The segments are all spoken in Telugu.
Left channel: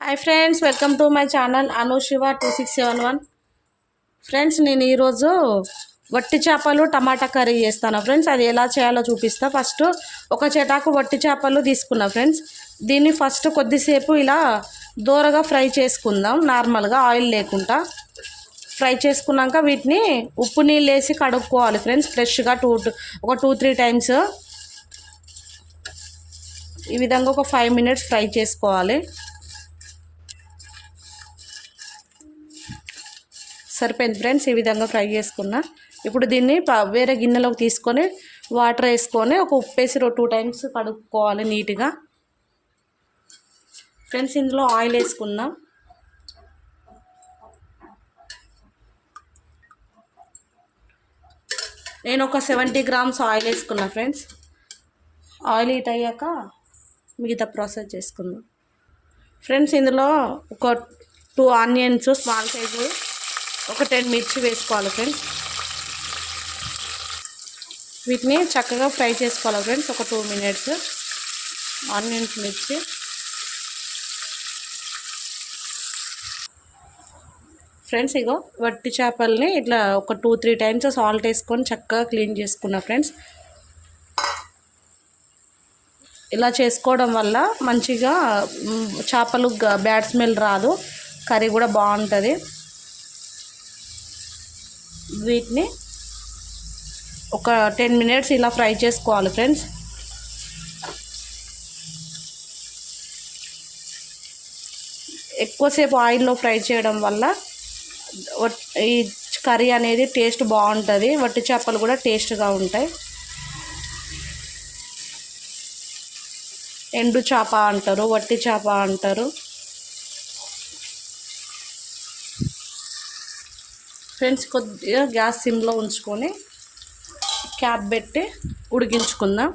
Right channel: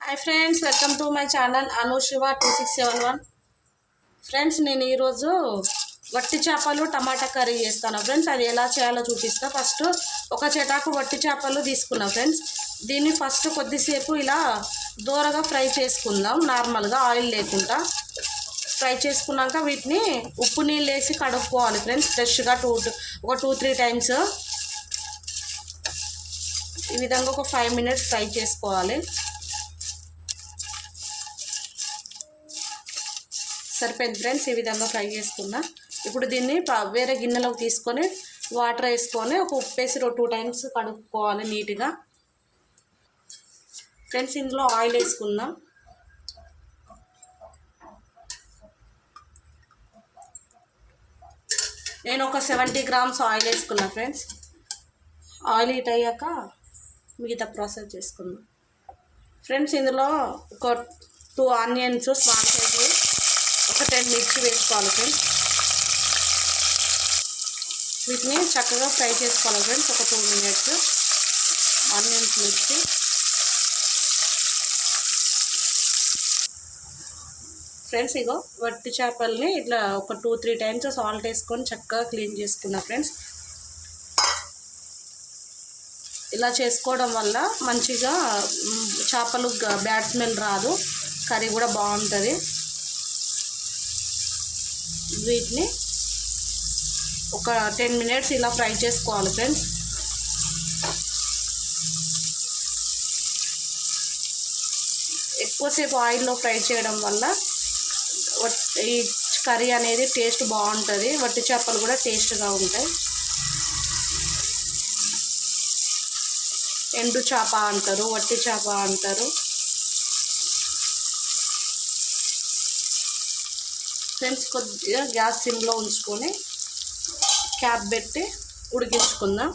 Hi friends welcome to my channel Anu Shiva two six seven one friends నేను ఈరోజు వట్టి చేపలు టమాటా కర్రీ చేస్తాను. ఫ్రెండ్స్ అది ఎలా చేయాలో చూపిస్తా. ఫస్ట్ ఒక చెటాకు వట్టి చేపలు తీసుకున్నా ఫ్రెండ్స్. దీన్ని ఫస్ట్ కొద్దిసేపు ఇలా దూరగా ఫ్రై చేసుకుందాం. నార్మల్గా ఆయిల్ లేకుండా ఫ్రై చేసుకున్నాక వీటిని ఉప్పు నీళ్ళు వేసి కడుక్కోవాలి ఫ్రెండ్స్ ఫ్రెష్గా టూ ఒక టూ త్రీ టైమ్స్ ఈ విధంగా ఒక ఫైవ్ మినిట్స్ ఫ్రై చేసుకోవాలి. సరిపోయింది ఫ్రెండ్స్ ఈ విధంగా ఫ్రై చేసుకున్నా. ఇప్పుడు దీన్ని వేరే గిన్నెలోకి తీసుకొని వాటర్ వేసుకొని ఒక ఉప్పు వేసి టూ టైమ్స్ కడుక్కోవాలి నీట్గా. ఫ్రెండ్స్ ఇందులో ఆయిల్ వేసుకుందాం. నేను ఒక సెవెంటీ గ్రామ్స్ ఆయిల్ వేసుకున్నా ఫ్రెండ్స్. ఆయిల్ హీట్ అయ్యాక మిగతా ప్రాసెస్ చేసుకుందాం. ఫ్రెండ్స్ ఇందులో ఒక టూ ఆనియన్స్ స్మాల్ సైజు ఒక టెన్ మిర్చి వేసుకోవాలి ఫ్రెండ్స్ వీటిని చక్కగా ఫ్రై చేసుకోవాలి ఫ్రెండ్స్ ఒక టూ మినిట్స్. ఆనియన్స్ మిర్చి. ఫ్రెండ్స్ ఇగో వట్టి చేపల్ని ఇట్లా ఒక టూ త్రీ టైమ్స్ సాల్ట్ వేసుకొని చక్కగా క్లీన్ చేసుకున్నా ఫ్రెండ్స్ ఇలా చేసుకోవడం వల్ల మంచిగా చేపలు బ్యాడ్ స్మెల్ రాదు. కర్రీ కూడా బాగుంటుంది. వీటిని ఒక టెన్ మినిట్స్ ఇలా ఫ్రై చేసుకోవాలి ఫ్రెండ్స్. ఎక్కువసేపు ఆయిల్లో ఫ్రై చేయడం వల్ల ఈ కర్రీ అనేది టేస్ట్ బాగుంటుంది వట్టి చేపలు కూడా టేస్ట్గా ఉంటాయి. ఎండు చేప అంటారు వట్టి చేప అంటారు. ఫ్రెండ్స్ కొద్దిగా గ్యాస్ సిమ్లో ఉంచుకొని క్యాప్ పెట్టి ఉడికించుకుందాం.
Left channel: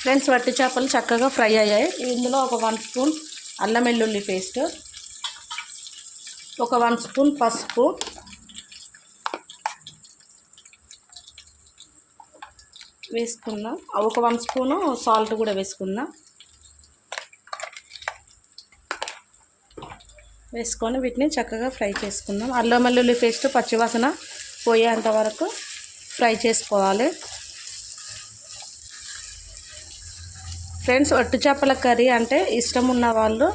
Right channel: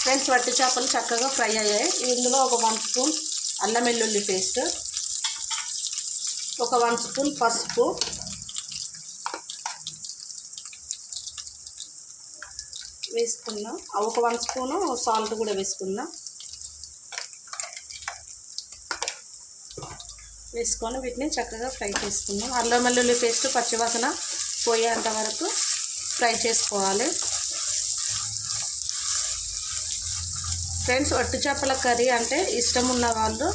ఫ్రెండ్స్ వట్టి చేపలు చక్కగా ఫ్రై అయ్యాయి. ఇందులో ఒక వన్ స్పూన్ అల్లం వెల్లుల్లి పేస్ట్ ఒక వన్ స్పూన్ పసుపు వేసుకుందాం. ఒక వన్ స్పూను సాల్ట్ కూడా వేసుకుందాం. వేసుకొని వీటిని చక్కగా ఫ్రై చేసుకుందాం. అల్లం వెల్లుల్లి పేస్ట్ పచ్చివాసన పోయేంత వరకు ఫ్రై చేసుకోవాలి. ఫ్రెండ్స్ ఒట్టు చేపల కర్రీ అంటే ఇష్టం ఉన్న వాళ్ళు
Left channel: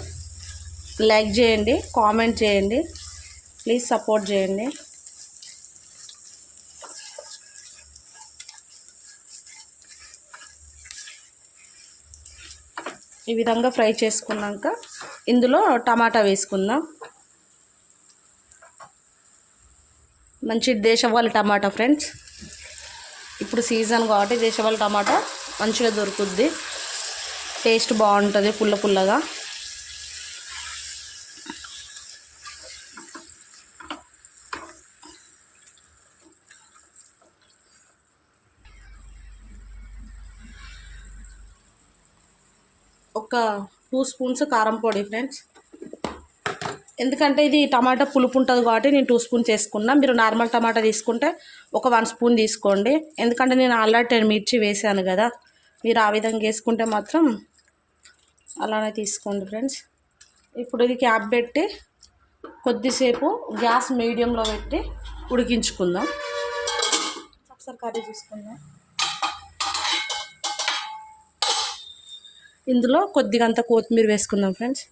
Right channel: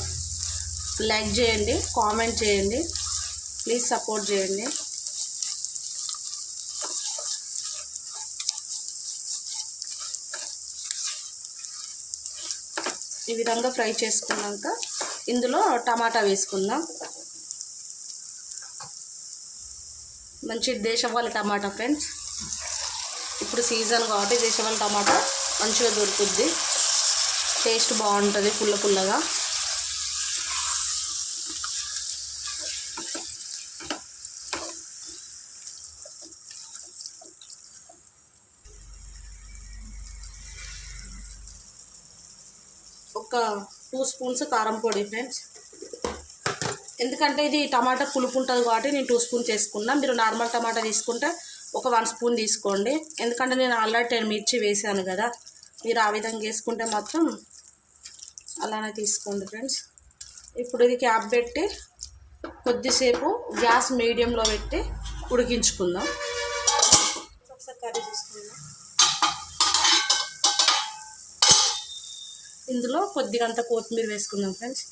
లైక్ చేయండి కామెంట్ చేయండి ప్లీజ్ సపోర్ట్ చేయండి. ఈ విధంగా ఫ్రై చేసుకున్నాక ఇందులో టమాటా వేసుకుందాం. మంచి దేశవాళి టమాటా ఫ్రెండ్స్. ఇప్పుడు సీజన్ కాబట్టి దేశవాళి టమాటా మంచిగా దొరుకుద్ది. టేస్ట్ బాగుంటుంది పుల్ల పుల్లగా. ఒక టూ స్పూన్స్ కారం పొడి ఫ్రెండ్స్. ఎందుకంటే ఇది టమాటా పులుపు ఉంటుంది కాబట్టి నేను టూ స్పూన్స్ వేసుకున్నా మీరు నార్మల్ టమాటా తీసుకుంటే ఒక వన్ స్పూన్ తీసుకోండి. ఎందుకంటే నేను ఆల్రెడీ టెన్ మిర్చి వేసాను కదా. మీరు ఆ విధంగా వేసుకుంటే మాత్రం అలానే తీసుకోండి ఫ్రెండ్స్. ఇప్పుడు ఇది క్యాప్ పెట్టి కొద్దిసేపు గ్యాస్ మీడియంలో పెట్టి ఉడికించుకుందాం. ఒకసారి కర్రీ చూసుకుందాం. ఇందులో కొద్దిగా అంత కొత్తిమీర వేసుకుందాం ఫ్రెండ్స్.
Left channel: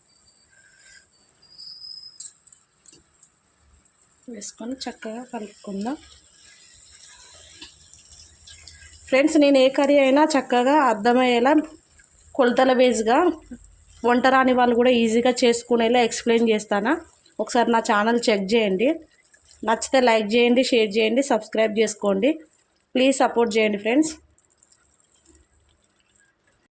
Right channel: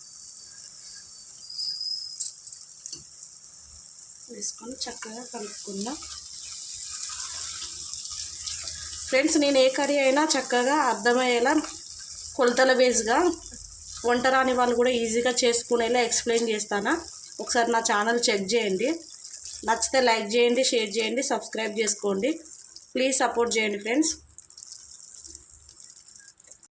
వేసుకొని చక్కగా కలుపుకుందాం. ఫ్రెండ్స్ నేను ఏ కర్రీ అయినా చక్కగా అర్థమయ్యేలా కొలతల బేస్గా వంట రాని వాళ్ళు కూడా ఈజీగా చేసుకునేలా ఎక్స్ప్లెయిన్ చేస్తాను. ఒకసారి నా ఛానల్ చెక్ చేయండి. నచ్చితే లైక్ చేయండి షేర్ చేయండి సబ్స్క్రైబ్ చేసుకోండి. ప్లీజ్ సపోర్ట్ చేయండి ఫ్రెండ్స్.